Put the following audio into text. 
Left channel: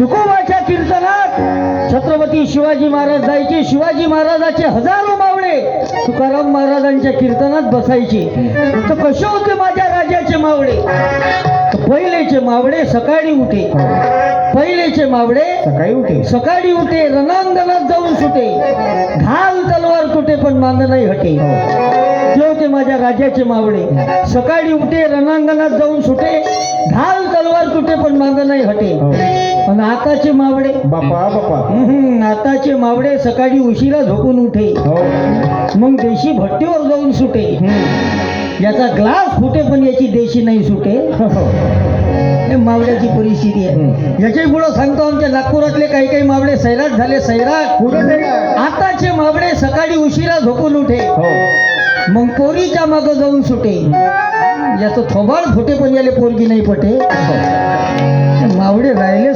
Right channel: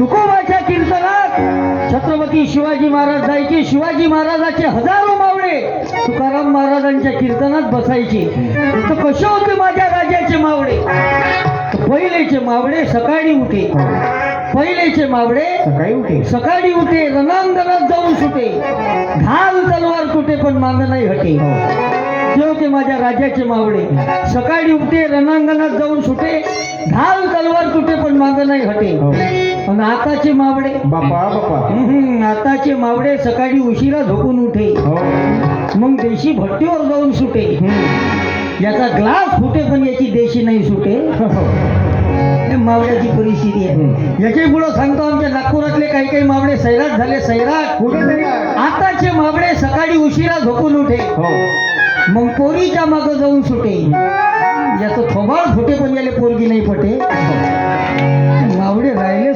तुकोबाच्या कीर्तनात छत्रपती शिवाजी महाराज जायचे. शिवाजी महाराजाचे हजारो मावळे तुकाराम महाराजांच्या कीर्तनात बसायचे. तर कसे होते माझ्या राजाचे मावळे? तर पहिलेचे मावळे सकाळी उठे. पहिलेचे मावळे सकाळी उठे रणांगणात जाऊन सुटे. घाल तलवार तुटे पण मान नाही हटे. ते होते माझ्या राजाचे मावळे. सकाळी उठे रणांगणात जाऊन सुटे. घाल तलवार तुटे पण मान नाही हटे. आणि आताचे मावळे आताचे मावळे सकाळी उशिरा झोपून उठे. मग देशी भट्टीवर जाऊन सुटे. याचा ग्लास फुटे पण याची देशी नाही सुटे. हे मावळ्याची परिस्थिती आहे. याच्या पुढे सांगतो आमच्या नागपुरातले काही काही मावळे सैराट झाले. सैराट आताचे मावळे सकाळी उशिरा झोपून उठे. मग पोरीच्या मागं जाऊन सुटे. याचं थोबाड फुटे पण याले पोरगी नाही पटे. मावळे राहिले